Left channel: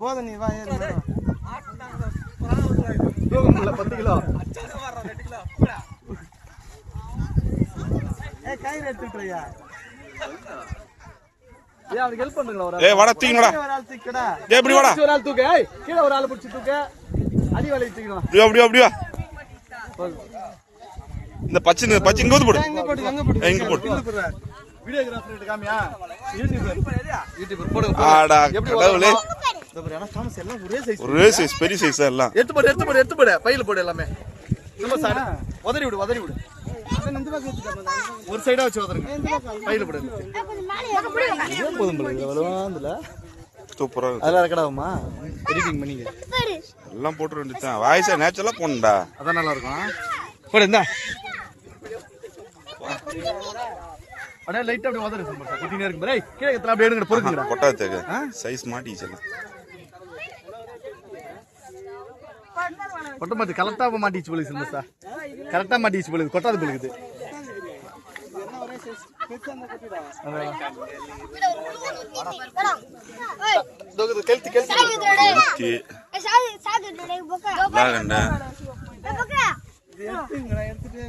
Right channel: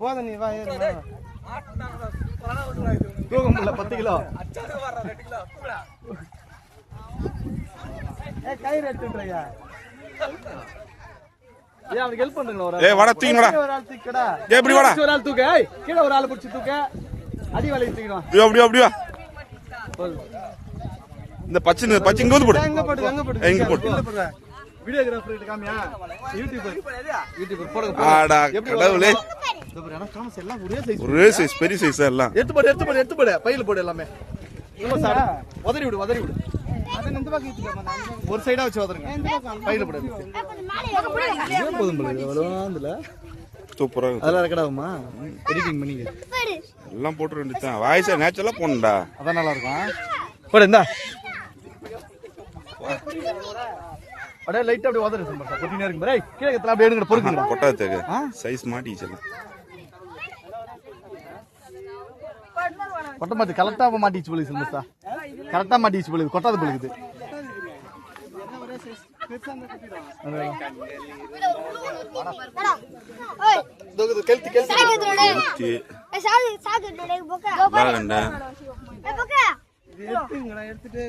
போதும் நீ வா ஏறு தூக்கம் இல்ல 10 கிலோ ஏய் கயிறு எடுத்துட்றியா ஏய் அவனுக்கு ஹெல்ப் பண்ணுங்களா ஒரு ஏய் வாடா தூக்குடா ஒரு ஆள் தூக்குடா ஏய் இப்படி வாடா ஒரு ஆள் தூக்கு ஏய் கீழ ஒரு ஆள் பிடிச்சு தூக்கு அடி வலை தூக்கிடுவா அப்படி வா இந்த பச்சை இங்க வந்து போடு எங்க போடு எங்க போடு வீடியோகிராஃபர் கிட்ட காமியா யூடியூபர் போடு ஆடா கடவுளே இந்த பாரு انا தாமஸ் எல்லாம் ஒரே சைஸ் பெரிய சைஸ் எல்லாம் எடுத்து போடு பையில போடு எல்லாமே நம்ம சார் உதறி விடு அப்ப இந்த பக்கம் ஏத்திக்கோமா ஒரு சைடா வச்சு உதறுங்க பையில போடு இதே போதும் போல இவ்வளவுல சூப்பரா அதெல்லாம் ரெக்கார்டாகுமா எடிட்டிங் பண்ணி எல்லாம் போட்டு வந்துட்டான் வாய்ஸா நேச்சுரலா போணும்டா அதான் நல்லா இருக்கும் போடு இந்தா அட லைட் அப்படியே உதறு சார் கட்டினே இருக்கு பாரு கீழ எத்தனை அப்படியே எடுங்க பொறுக்குங்க கொட்டாதேக்கு சைஸ் மாட்டிச்சு கொட்ட மாட்டி கரெக்டா மாட்டிச்சு போலுது சிம்மஸ்தா கரெக்டா மாட்டிச்சு போலுது கொட்டாது போலுது எடுத்துட்டு